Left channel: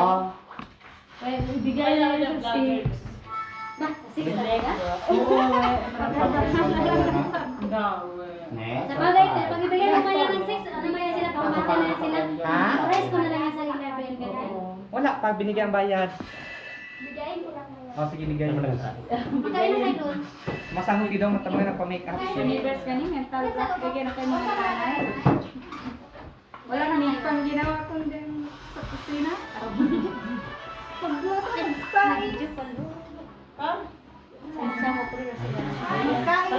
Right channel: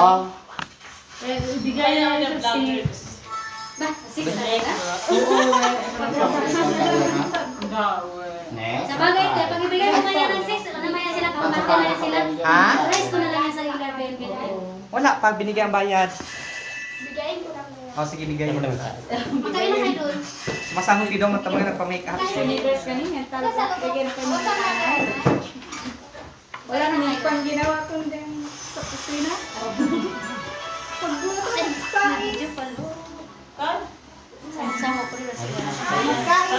Oo. Bigay na yung vloggers. Ba, sa 6 talaga? Sa bagay, pag ibigay mo na yan ng 6, ano man yan sila, kaumahan na yan sila. Ha? Price ko na lang yan sa level. Wala pa binigay ang bayad. Bigayin ko lang na. Oh, sige bigay mo. Magkano kayo doon? Masahog daw man tamang nagpa-make up siya. Universe kanina, talaga. Bigyan ka niya. Wala na may pang ginawa kong din sa kusina. Medyo palo. Sama ko rin sila.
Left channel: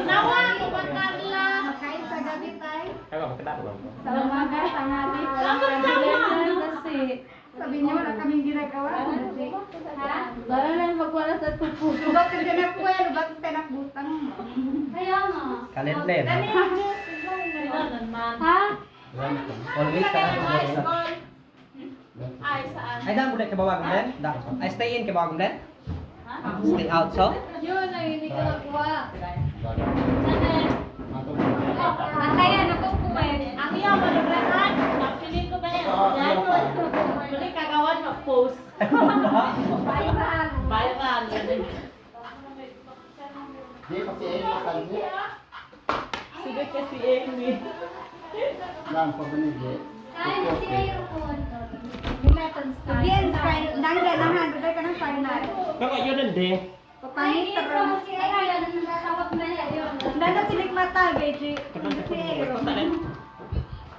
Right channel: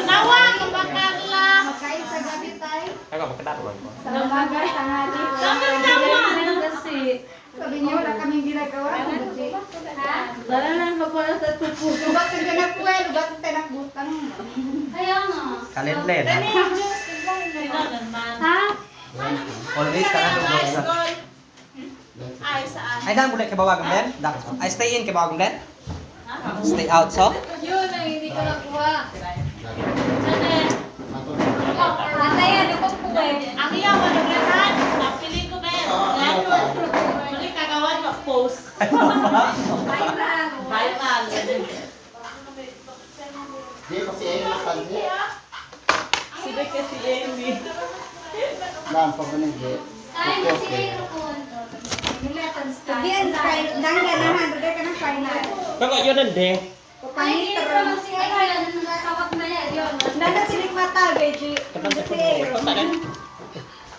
Nawa, kumakarla. Makain sa gabi tayo. Ay, makita ko ba? Sa umaga, tanghali. Kasi sabi niya, wala kaming ginagawa. Ha? Wala lang magwala sa tupo. Lugat ka ganap ko eh, lugat ko pinakbutang. Ayaw mo. Kalendlen. Dani yung juice. Tignan naman. Ha? Always ka na dugay sa. Ay, saan? Ay dang bulay kay bawag Ben. I stay in kay bawag Ben. Stay out so. Yun ang hindi ko nakuha. Kaya ano ko ba yun? Ang iya mo nagrehan. Napili ko ba yan? Yan. Muli kagawan mag-post. Viral. Viral. Di kasi Amy kasi. Sila kasi Amy. Lang pa ba nag-get? Kain na si Mayro ko. Mileton style. Diyan style. Dangga naman. Dugay ka ng final. Baka yun ang de. Ay, Mayro mo si Mayro. Nasawak na niya. Yun. Danda silik mata, Beji. Hindi si Ero.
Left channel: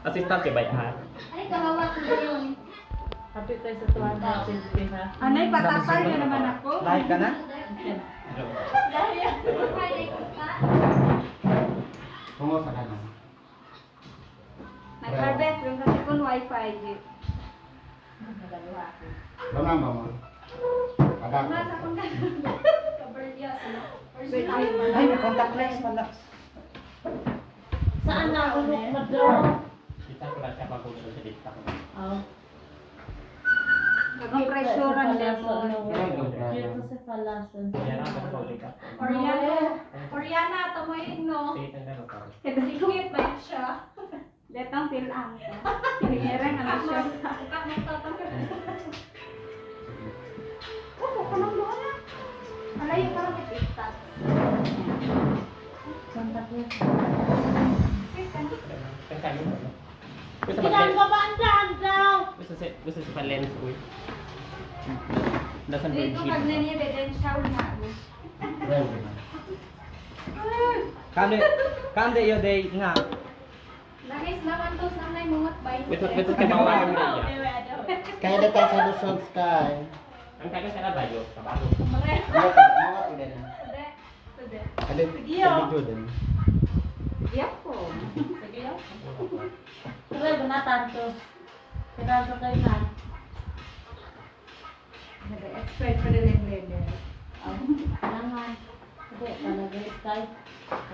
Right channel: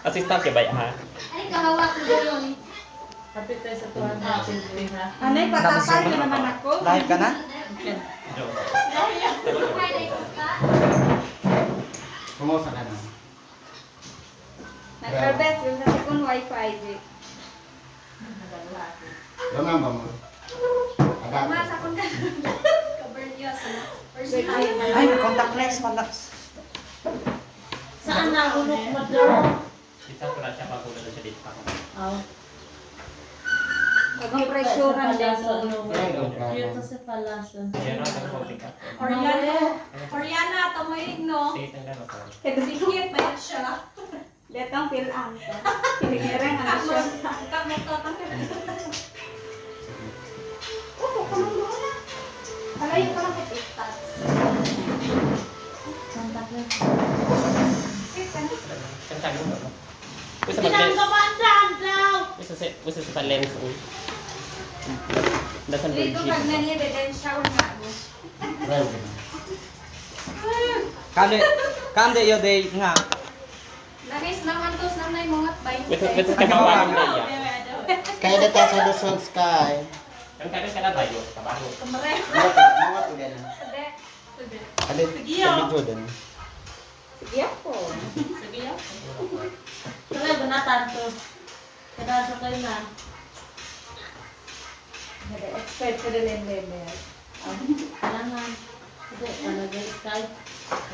Assistant kay Bay ha. Ay, kahawak mo ba yun? Happy tayo sa 250 ha. Anay, patasan din naman ako. Live ka na? Kumusta ka na? Nag-harvest yung sa second wifi, Beji. Lumang ba mo? Agad. Masa ko na. Ay, contact lens wala. Saan na ulok mo daw? Kita ko lang siya pag ulo siya dito pa ko. Oh. Nag-pressure ang Cute sa palasan. Yan ang tapos ko. Oriana, tamoy no? Sige, tanggal ko. Kaya sikit pa yan siya. Letang pilang ko. Pinigirang ano siya. Malayo pa lang kay TikTok. Tanggal mo. Gusto Tinanggamaan daan daw. Gusto sa lens ko. Dasan Dito virgin. pag nangyay, beden shower na. Well, Kande yo day nga. Nangis naman to sa may mga Gusto ka ba ya? kaya dito sa Luzon Sky. Ang tagal ka na ba yun? Kabago. Mga tuloy na. Alit, sabi ko din. Sige ako. Sige yan. Tuloy ba na tanto? Kada sa kayo na. Expert ko rin yung level. Kailangan. Ito, talaga Skype.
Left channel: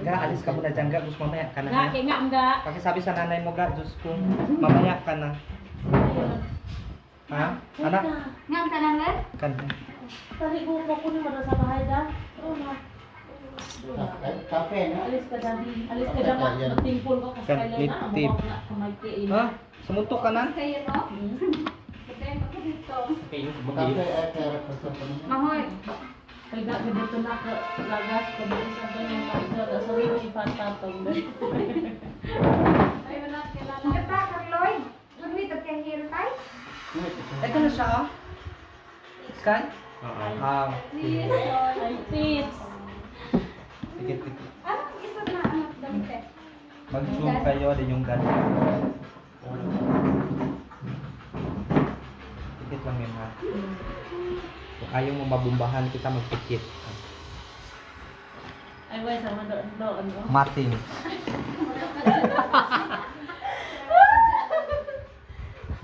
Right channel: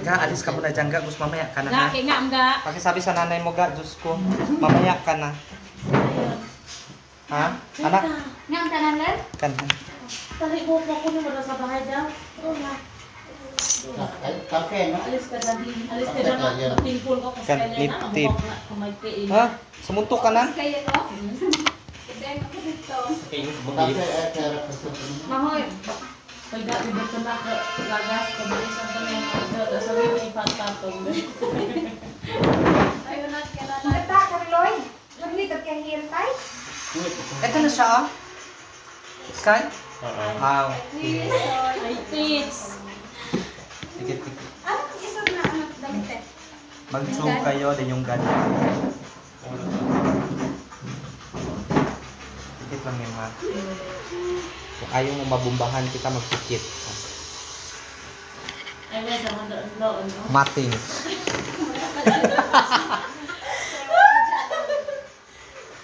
Ga alis ka muna diyan ga, gusto mamaya ka na ha. Nga, kaya nga, mga. Pakisabi sa nanay mo ga, Diyos ko. Mamaya ka na. Ha? Anak? Niyang tanan lang? Kan. Tari ko po ko ni mo daw sa bahay daw. Oo nga. Cafe, no? Alis ka dali. Alis ka dyan. Magtimpul ko kasi Kan, kailan na. tip. Amo ko magtiin. Ha? Sumuntok ka na? Kaya no? Beden ako dito. Okay, Cafe, bumili. pero kasi Mahoy. Pagka dito na lagas ko bilis ang kanyang mga sabi mo ipatatong. Ay, wala kilala. Nagta ka, Lloyd. Lumit at kang hair tie. Ito na siya oh. Sky? Oo. Wow. Ay, tits. Tikit tikit. Ano isa na ano damit eh? Mag-zoom kayo din yung gadget. Tikit lang yan ha. Kung ayaw mo mabumbahan kita, magtikit. Ay, wait, sa mga doon, no? Mating.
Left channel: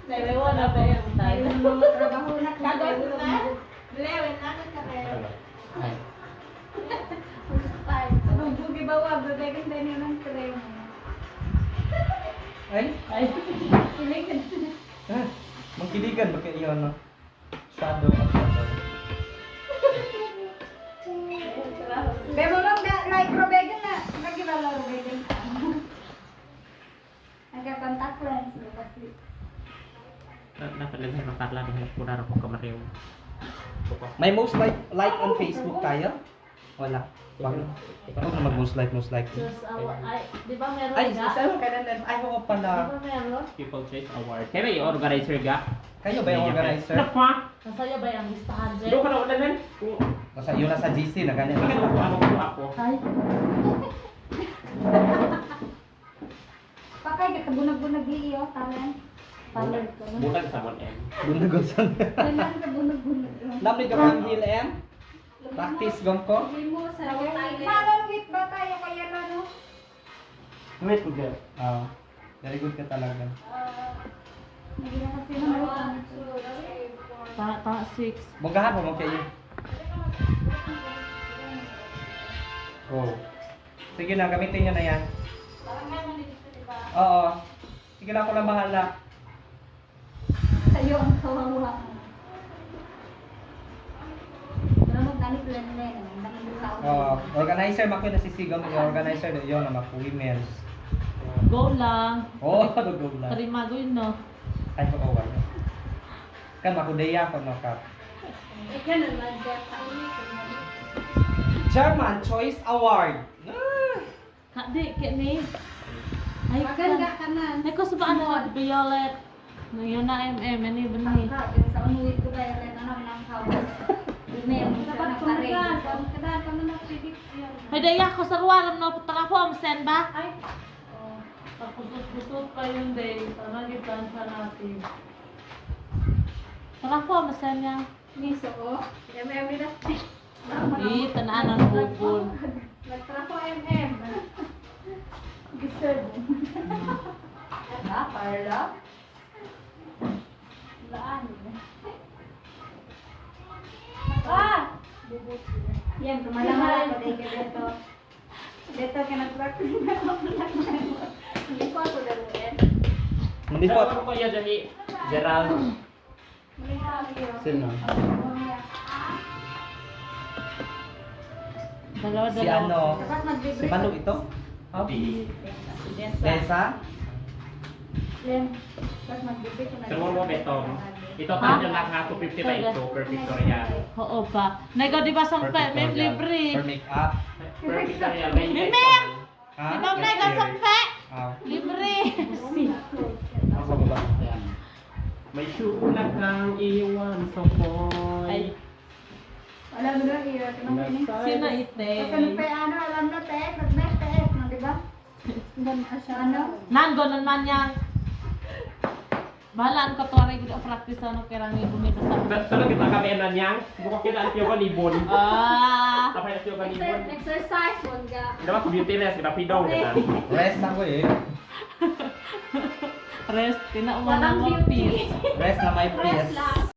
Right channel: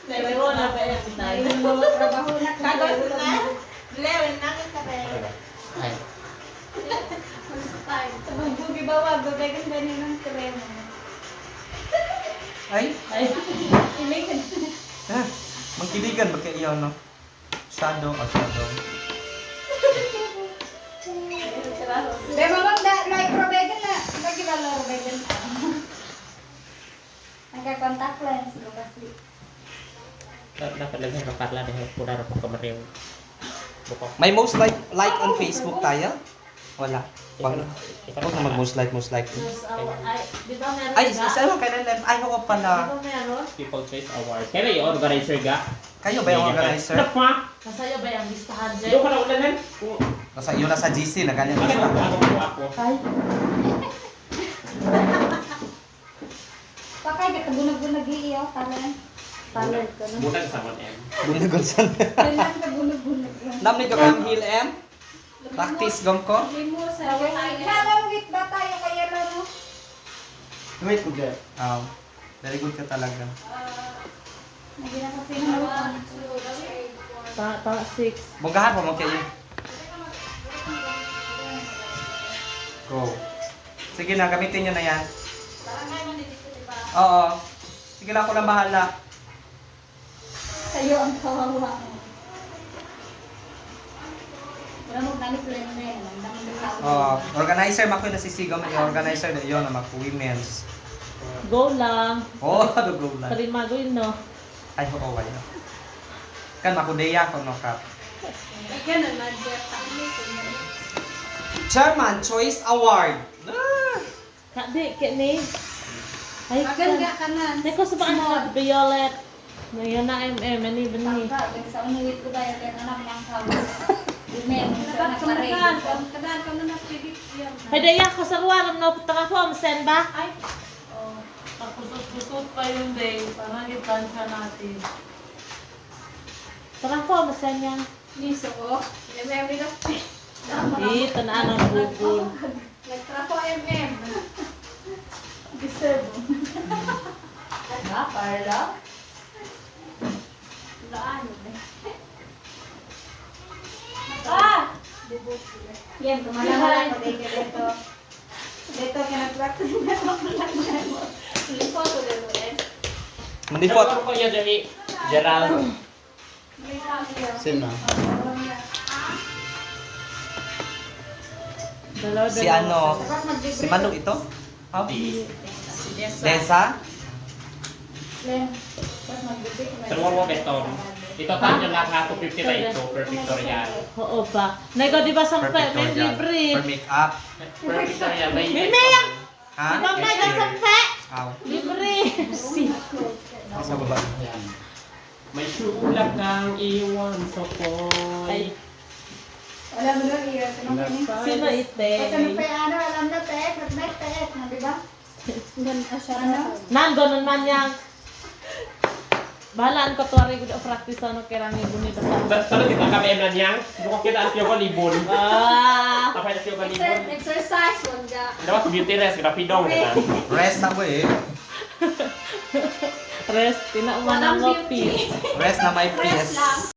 Dahil wala pa yung tayo. Yung mga trabaho na Kagos kagos na? Lewin na ka Ay, Ay, bugi bawag, babagan din ng krema. Ay? Ay, Iligan. Ha? Magkiligan ba kayo no? Shadow o shadow? Be mga microbagan na. Lagi ba microbagan? Nagka-contact lens. Dapat lang sa Carla dahil pura rin ko mariw. May most like on Facebook tayo? Wala. Huwag na mag-most like. Just, ay, di ba meron Ay, ka? isa lang kailan. Ay, ako Di pala. ba meron? People Choice Award. Kaya yung organizer ga? Kayo ba yung organizer? Ano pa? Nasa'yo ba yung listahan, Jen? Doon ka na ulanan? Nasa, yun nasa GC na ganyan Ano basta. ako? Ay, Pakay, katabunag-bunag iyo. Karen. Karen ka na. Bulan sa 1M. Bunagunsan. Kailan ka bunag-bunag iyo. Namni ka kayong Hill M? Practice gong ko? Limo sa Halawit ba tayo kaya laro? Wait ko dyan. Oh. Very good ka talaga. Nagina ka pinawag. ta 6. Bugahan mo mo kayo. Go. Sige na, gamitin nyo na yan. Oo. Sige na, ako lang bahala. Kayo ang kawawa. Wala mo ganit lenne. Oo. Organizer, mako yung nasisigaw mo yung organizer na yun, naman po women's. Go lang. Oo, dugo lang. Kalimago yun, no? Ay, oo, wala. Kan, makudeya ko, no, Kap. Ganun man, Jeff. Chairman Choice Award. Ah! Kadi, kini. Ay, Magan nga ka na. May ko sa baan ka, Violet. Ngayon na many bani. Sa unuwit ko tayo, kaya naman ang kawa. Inen, sa nakaray. Kadaan ka na na-predict yan. Pwede yan ko sa ruwaram no, putang ako, amasen ba? Ay, Pagkusot-kusot pa yun day, para itansya natin. putang ako, amasen niya. Miso ko. Yung memory na. Di, tanaan ang bukod. Nagtrafo MM. Deserve. Na, Carla? Laan. Ah! Yan, kumalala ko dito. Dito ka nag-practice na ako. Lipo ko dito eh. Mandipot. Ano ko yung dali? Gerald. Sino? Si ano? Dapat mag-libre. Si Manu ito? How? Di. Desa? Len, dapat mag-libre ko na. Sa Warwa Beton. Ito tayo lang ha, 250 ba ito per Victorial. Oo pa. Nego, di ba sa Per may pictorial. libre? Per make-up. Per Victorial, may Hindi! Ha? Di ba nego sa mpe? Aw. Libre! Sa baba. Ayan. May suulak kang iwan sa boy. Ay, Wala mo lang iya. Tinong ini. sino ite? Kasi pa ano, alam na te, mag-night te, di ba? Ganun ka siya. Ano? Nando naman yang bahalaan ko tuwari ko practice ano kirang ibon nito. Sa dito kami em lang yang, buka kita ang tiyo libon. Ah! Apa yung tiyo libon? Exercise, wag ka. Dapat beauty rest, rapidong kita. Rest na ko eh. Rest, tinauman ang Walang office. Rest na may Rest PS. lang.